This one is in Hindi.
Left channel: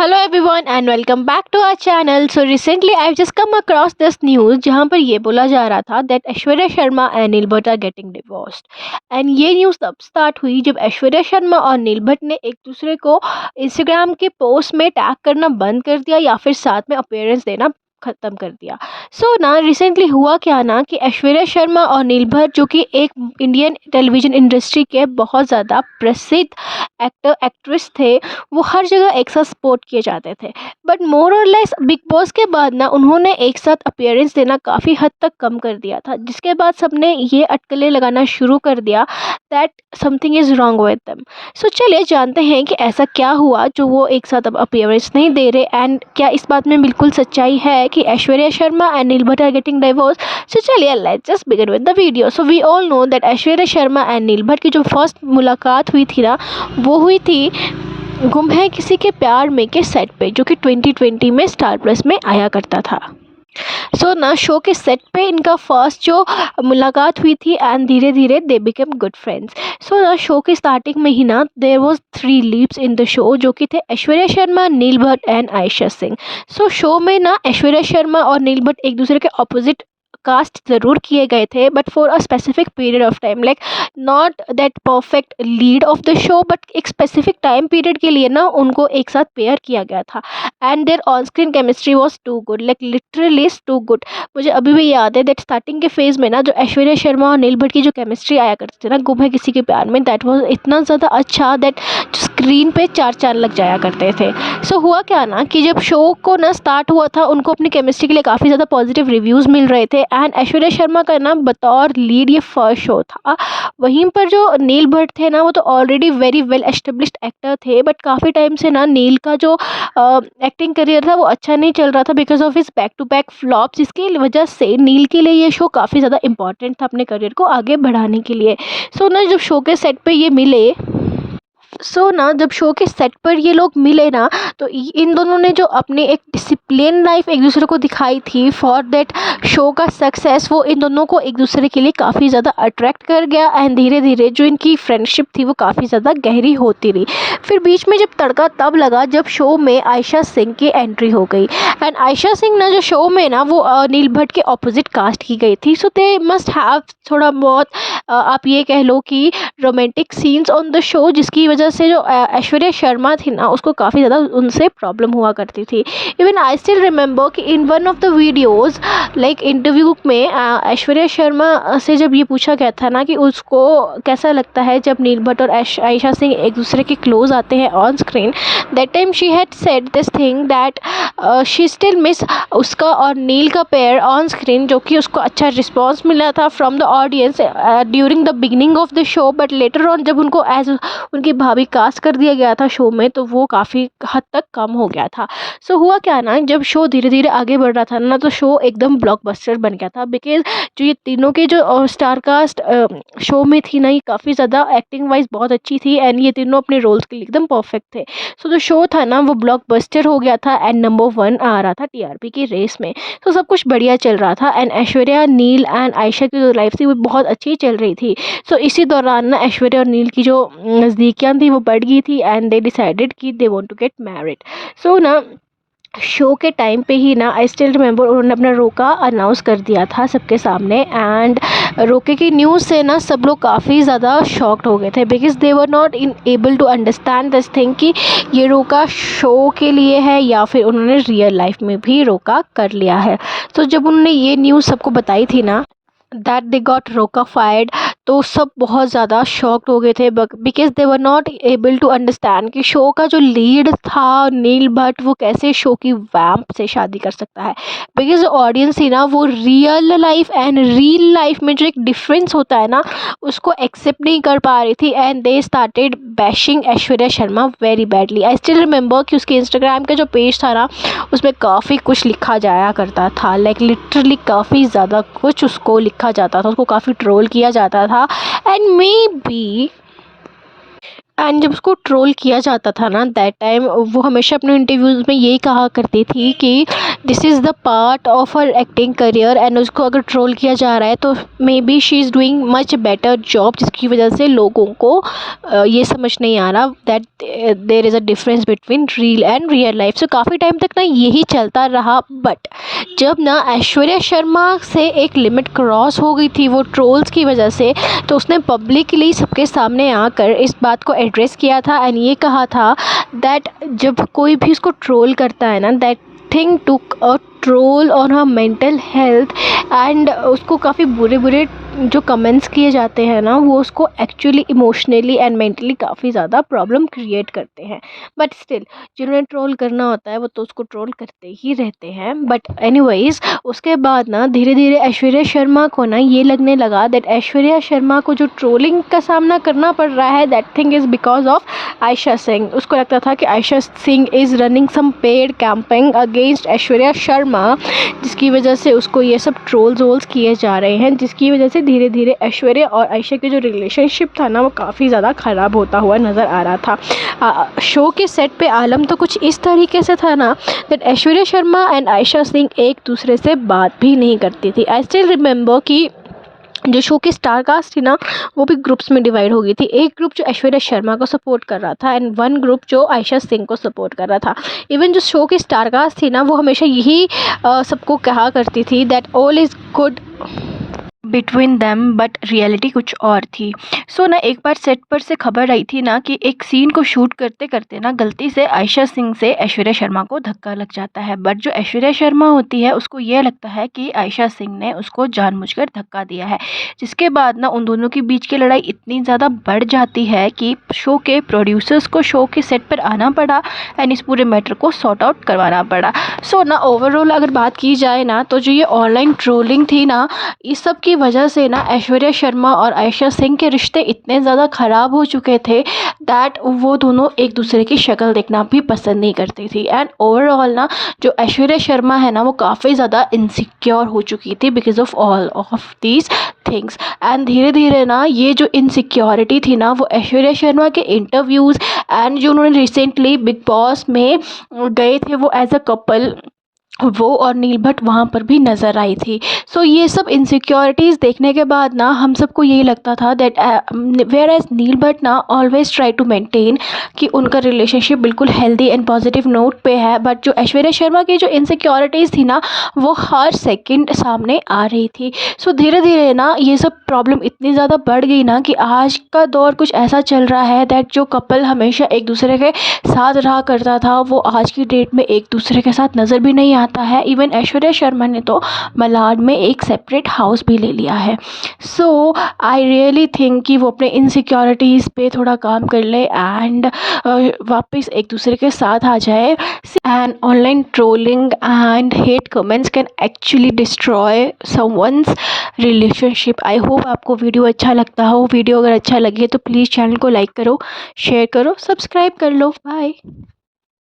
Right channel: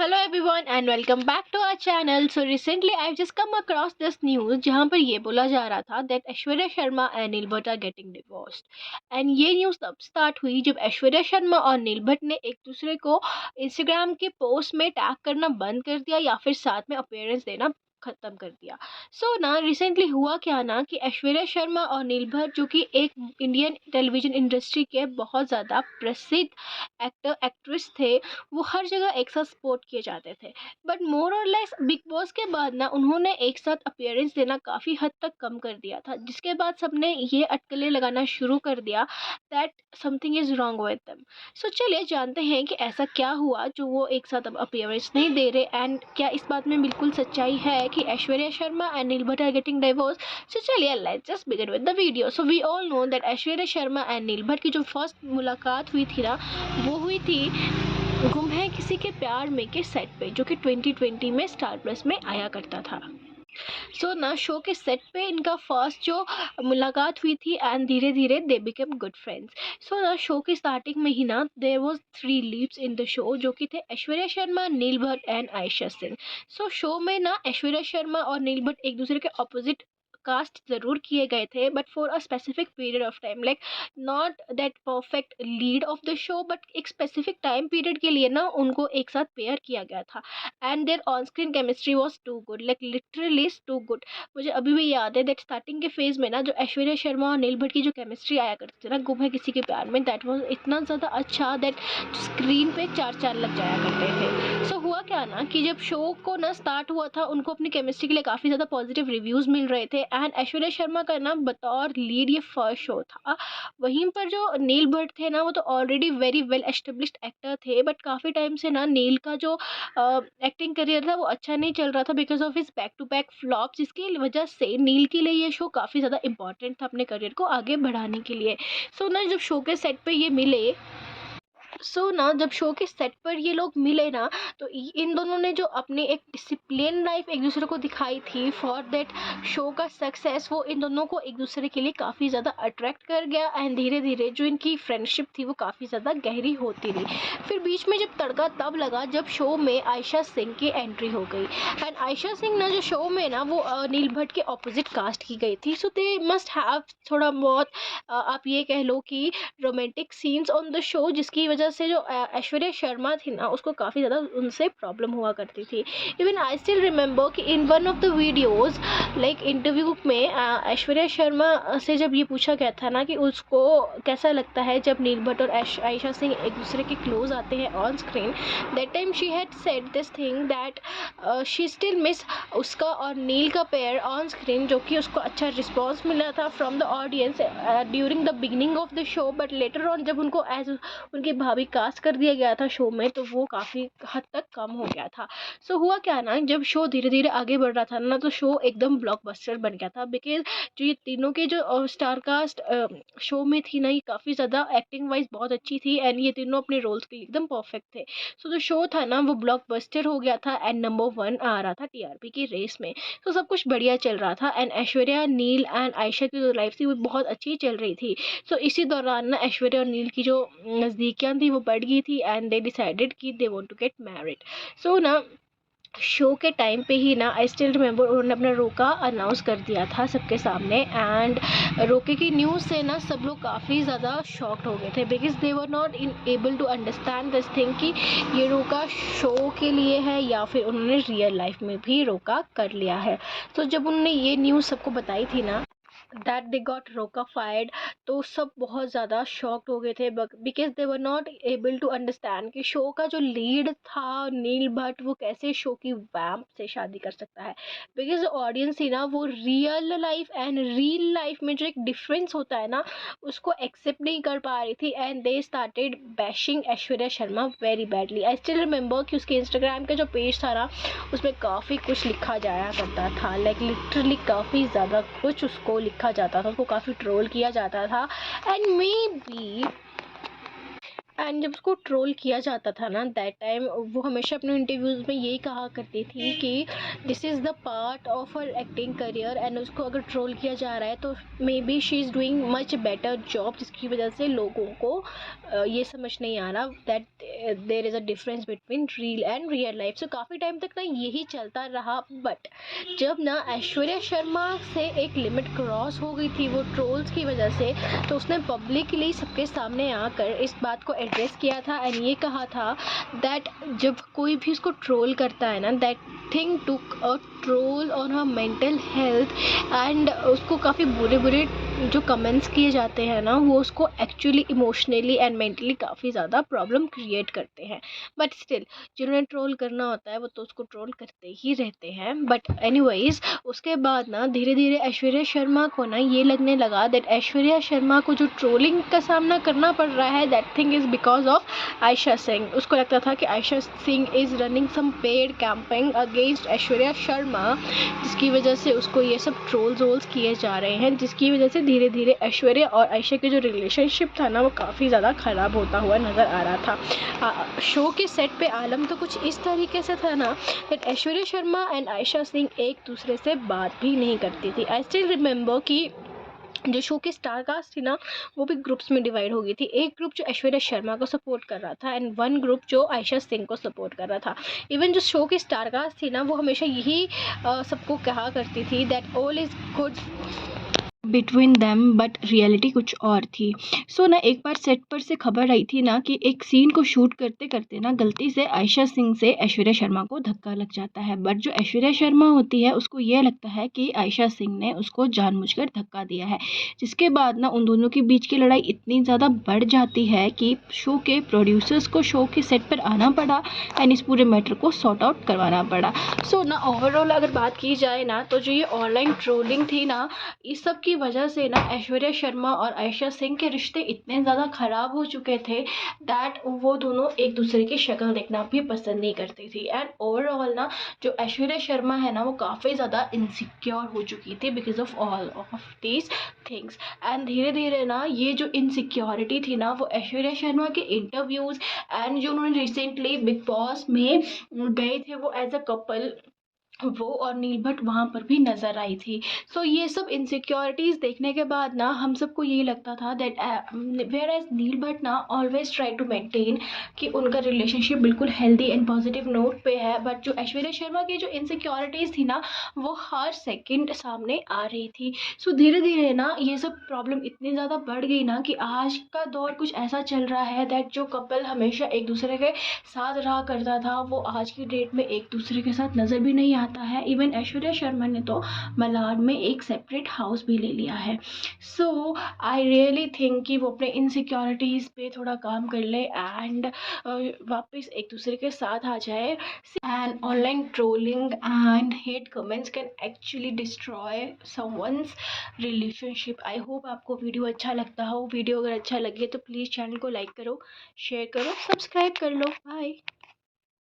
Hello everyone and welcome back to our channel. So recently I just come across this news जहाँ पर ये बोला जा रहा था that Aishwarya Sharma and nil Bhatt are getting divorced. And ये न्यूज़ तब स्टार्ट हुई जब ऐश्वर्या शर्मा और नील भट्ट ने एक दूसरे को इंस्टाग्राम के पोस्ट में टैग करना बंद कर दिया या फिर साथ में अपीयरेंस देना ख़त्म कर दिया। सो ना रिसेंटली हुआ क्या ना कि ऐश्वर्या शर्मा और नील भट्ट जो कि एक इंडियन टेलीविज़न इंडस्ट्री के बहुत ज़्यादा प्रसिद्ध एक्टर एक्ट्रेस थे, वो हर जगह एक साथ सपोर्ट किए जाते थे। बट मोर और लेस बिग बॉस के बाद ना उन्होंने एक साथ अपीयरेंस देना काफ़ी हद तक कम कर दिया था, जिसके बाद सबने ये अटकलें लगाना शुरू कर दिया that something is wrong with them. So चलिए जानते हैं कि ऐसा क्या हुआ जो वो एक साथ अब अपीयरेंस नहीं दे रहे, एंड क्या इस बात में बिल्कुल सच्चाई है कि Aishwarya Sharma and nil Bhatt are getting divorce. So चलिए let's just begin with the video. So we all know that Aishwarya Sharma and नील भट्ट की जो फर्स्ट मुलाकात हुई थी ना, वो हुई थी गुम है किसी के प्यार में के सेट पे, जो कि 2020 में स्टार प्लस में आया करता था। सो ना शो के सेट पे इनका फर्स्ट जो मुलाकात हुई थी एंड धीरे धीरे they became good friends. So ना शो की स्टार्टिंग में ही ना there was 3 leads in the show, जो कि थे Aishwarya Sharma, Neil Bhatt and Ayesha Singh. So show में ना ऐश्वर्या शर्मा और नील भट्ट एक दूसरे के ऑपोजिट कास्ट ज़रूर किए गए थे, but for a specific period of time, like not that perfect lead of the show, but एक स्पेसिफिक टाइम पीरियड के लिए ना उनको एक साथ पेयर किया गया था। And their on screen chemistry was too good, like literally too good. मुझे अभी भी याद है दैट स्टार्टिंग के फेज में ना जो ऐश्वर्या शर्मा और नील भट्ट की जो केमिस्ट्री आया करती थी ना गुम है किसी के प्यार में, दैट वॉज इतना ज़्यादा अच्छा दैट स्क्रीन पे 4 चांद लग जाया करते थे। सो हुआ क्या ना कि जब शो को ना स्टार्ट हुआ था, उनको अपनी केमिस्ट्री के लिए काफ़ी ज़्यादा पॉजिटिव रिव्यूज़ मिल रहे थे, एंड ऐश्वर्या शर्मा का ना बतौर लीड ये फर्स्ट शो था। वहीं पर जो नील भट्ट थे ना, वो तो already very well established actor थे, बट काफ़ी टाइम से ना नील का जो एक्टिंग करियर था वो अच्छा नहीं चल रहा था because of his back to back flops, जिसकी वजह से नील के लिए ये शो काफ़ी ज़्यादा इंपॉर्टेंट था अपने करियर को आगे बढ़ाने के लिए। सो ना जब शो के सेट पे ये मिले, ना जब शो के सेट पर ये लोग मिले ना, तो इन दोनों ने जो अपनी एक डिसिप्लिन लाइफ एक दूसरे को दिखाई थी फॉर दैट शो का सक्सेस, वो इन दोनों को एक दूसरे के लिए काफ़ी ज़्यादा अट्रैक्ट कर गया, एंड धीरे धीरे जो इनकी फ्रेंडशिप थी वो काफ़ी ज़्यादा गहरी होती रही। फिर बीच में जब तड़का तब लगा जब शो में आयशा सिंह की एंट्री हो गई, एंड आयशा सिंह ना जो शो में ना वो नील भट्ट के ऑपोजिट कास्ट की गई थी। सो दे मस्ट हैव थोड़ा बहुत आप ये कह लो कि romantic scenes on the show, जिसकी वजह से जो ऐश्वर्या शर्मा थी ना उसको काफ़ी ज़्यादा उनसे प्रॉब्लम हुआ करती थी। इवन आई स्टिल रिमेंबर कि in one of the videos like interview में ऐश्वर्या शर्मा से जब ये पूछा गया था ना कि उसको कैसा लगता है जब नील भट्ट और आयशा सिंह एक दूसरे के क्लोज आते हैं on screen, that time she had said this thing that she still miss उसका और नील का पेयर ऑन स्क्रीन, जो कि उसको अच्छा रिस्पॉन्स मिला था from the audience during the beginning of the show, but later on जब उनको एज उनकी भाभी कास्ट कर दिया गया था शो में, तो वो काफ़ी हद तक कम हो गया था। सो हुआ क्या ना, जब शो धीरे धीरे आगे बढ़ रहा था ना, तो शो एकदम ब्लॉकबस्टर बन गया था बिकॉज जो ये तीनों के जो स्टार कास्ट शो में थी ना, ये काफ़ी ज़्यादा एक्टिंग वाइज बहुत अच्छी थी, एंड ये तीनों अपने रोल्स के लिए एकदम परफेक्ट थे। सो जो शो था ना वो ब्लॉकबस्टर हो गया था, एंड नंबर 1 आ रहा था टीआरपी की रेस में। तो सब कुछ बढ़िया चल रहा था, एंड ऐश्वर्या, नील एंड आयशा की जो लाइफ थी वो बहुत अच्छी चल रही थी। सो इसी दौरान ना ऐश्वर्या और नील की जो नज़दीकियाँ थी वो बढ़ गई थी, एंड दे डिसाइडेड कि they want to get married. So ना शो के टाइम पे ही ना आई स्टिल रिमेंबर उन्होंने अपना रोका अनाउंस कर दिया था सबके सामने, एंड रोके की न्यूज़ से ना सब लोग काफ़ी ज़्यादा शॉक्ड हो गए थे because they were not unable to understand this thing कि ये रोका शो के लिए है या फिर उन्होंने रियल लाइफ में भी रोका कर लिया है। तो जब उन्होंने ये न्यूज़ सबको बताई थी ना दैट दे गॉट रोका फायर्ड, तो सब बहुत ज़्यादा शॉक्ड हो गए थे because they were not able to understand कि शो का जो लीड था नील भट्ट वो कैसे शो की वैम्प से शादी कर सकता है। बिकॉज ऑडियंस थी ना वो real life and real life में जो एक डिफरेंस होता है ना उसको एक्सेप्ट नहीं कर पा रही थी, and they started bashing Aishwarya Sharma very badly. I still remember कि उसके इंस्टाग्राम का जो पेज था ना उसमें काफ़ी कुछ लिखा जाया करता था, लाइक लिटरली काफ़ी ज़्यादा कुछ उसको लिखा जाता था, उसको काफ़ी ट्रोल किया जाता था, एंड मे बी एंड जब उसको ट्रोल किया जाता था ना दैट टाइम, वो हमेशा अपने इंटरव्यूज़ में यही कहा करती थी कि this is the part of her acting career, and उसको अगर ट्रोल किया जा रहा है तो may be she is doing much better job, जिसकी वजह से लोगों को ये समझ नहीं आ रहा that there is a difference between reel and real life. So काफ़ी टाइम तक ना यही चलता रहा, बट जब ना ऐश्वर्या शर्मा से एक लिमिट क्रॉस हो गई थी वो ट्रोल्स की वजह से, तो उसने पब्लिकली सबके सामने आकर इस बात को एड्रेस किया था एंड ये कहा था दैट जब कोई भी उसको ट्रोल करता है ना, that thing took a troll on her mental health, and उसको काफ़ी बुरे बुरे जो कमेंट्स किए जाते हैं ना, वो उसको एक्चुअली इमोशनली एंड मेंटली काफ़ी ज़्यादा प्रॉब्लम क्रिएट करते हैं। बट स्टिल जिन्हें ट्रोल करना होता है वो तो उसको ट्रोल करते ही रहते हैं। बट एनीवेज, उसके बाद ना धीरे धीरे ऐश्वर्या शर्मा को ना ये लगने लगा दैट ऐश्वर्या शर्मा को जो ट्रोलिंग का सामना करना पड़ रहा है, that thing is because of Aisha Singh. उसको लगता था कि Aisha Singh is running some paid campaign against Aishwarya Sharma, जिसकी वजह से उसको ये सब ट्रोल्स वोल्स किए जा रहे हैं, जिसकी वजह से धीरे धीरे ऐश्वर्या और आयशा के जो रिलेशनशिप था ना वो काफ़ी ज़्यादा ख़राब होता हुआ नज़र आ रहा था। शो के सेट पे आलम तो कुछ इस तरीके से था ना दैट ऐश्वर्या शर्मा एंड आयशा सिंह एक दूसरे से बात भी नहीं करती थी। आई स्टिल रिमेंबर कि जो शो की स्टार कास्ट थी ना वो भी ग्रुप्स में डिवाइड हो गई थी। एक ग्रुप जो ऐश्वर्या शर्मा को सपोर्ट कर रहा था एंड वन ग्रुप जो आयशा सिंह को सपोर्ट कर रहा था। इवन जो शो की स्टार कास्ट थी ना वो हमेशा यही सबको कहा करती थी that all is good between them, but reality कुछ और थी। सो ना एक बार सेट पर से खबर आई थी ना कि एक सीन को शूट करते करते ना गलती से आयशा सिंह से ऐश्वर्या शर्मा को धक्का लग जाता है, बट जो ऐश्वर्या शर्मा होती है उसको ये लगता है कि आयशा सिंह ने उसको जानबूझकर धक्का दिया है, जिसके बाद ना उन दोनों के बीच की लड़ाई इतनी ज़्यादा बढ़ जाती है कि शो के प्रोड्यूसर्स को शो के सेट पर आना पड़ा एंड इस पूरे मैटर को सॉर्ट आउट करवाना पड़ा। सो ना ओवरऑल अगर बात की जाए ना तो जो ये ऑनलाइन ट्रोलिंग थी ना, इस सब की वजह से ना ऐश्वर्या शर्मा और आयशा सिंह के रिश्ते इतने ज़्यादा ख़राब हो चुके थे दैट वो दोनों एक दूसरे की शक्ल देखना भी पसंद नहीं करती थी। एंड ओवरऑल ना जो ऐश्वर्या शर्मा है ना वो काफ़ी ज़्यादा इनसिक्योर हो चुकी थी because of all of these things. And धीरे धीरे ना ये जो इनसिक्योरिटी थी ना वो ऐश्वर्या शर्मा के इंटरव्यूज़ एंड जो उन्होंने रिसेंटली बिग बॉस में गए थे वो एज अ कपल, वो और नील भट्ट वहाँ पर भी नज़र आई थी। सो ये सब इनसिक्योरिटीज़ देखने के बाद ना हम सबको यही लगता था दैट वेयर एज नील भट्ट ना ऑलवेज ट्राई टू मेंटेन कि उनका रिलेशनशिप बिल्कुल हेल्दी एंड पॉजिटिव नोट पे है, बट जो ऐश्वर्या शर्मा की जो इनसिक्योरिटीज़ थी ना वो हर सेकंड सामने आ रही थी। सो धीरे धीरे ना ये सब प्रॉब्लम इतनी ज़्यादा बढ़ गई ना कि आज का दौर कुछ ऐसा चल रहा है दैट जो कपल हमेशा एक दूसरे के साथ रहा करता था वो आज की डेट में एक दूसरे के साथ नज़र भी नहीं आता है। इवन ऐश्वर्या शर्मा ने तो मलाड में एक सेपरेट हाउस भी ले लिया है। सो आई रियली थिंक कि वो अपने इनसिक्योरिटीज़ पे थोड़ा काम कर ले एंड वापस एक दूसरे के साथ आ जाए। And online trolling and hate comments can actually destroy someone's relationship. I hope आपको वीडियो अच्छा लगता हो। वीडियो अगर अच्छा लगे तो प्लीज़ चैनल को लाइक करो, शेयर करो, सब्सक्राइब कर लो। बाय।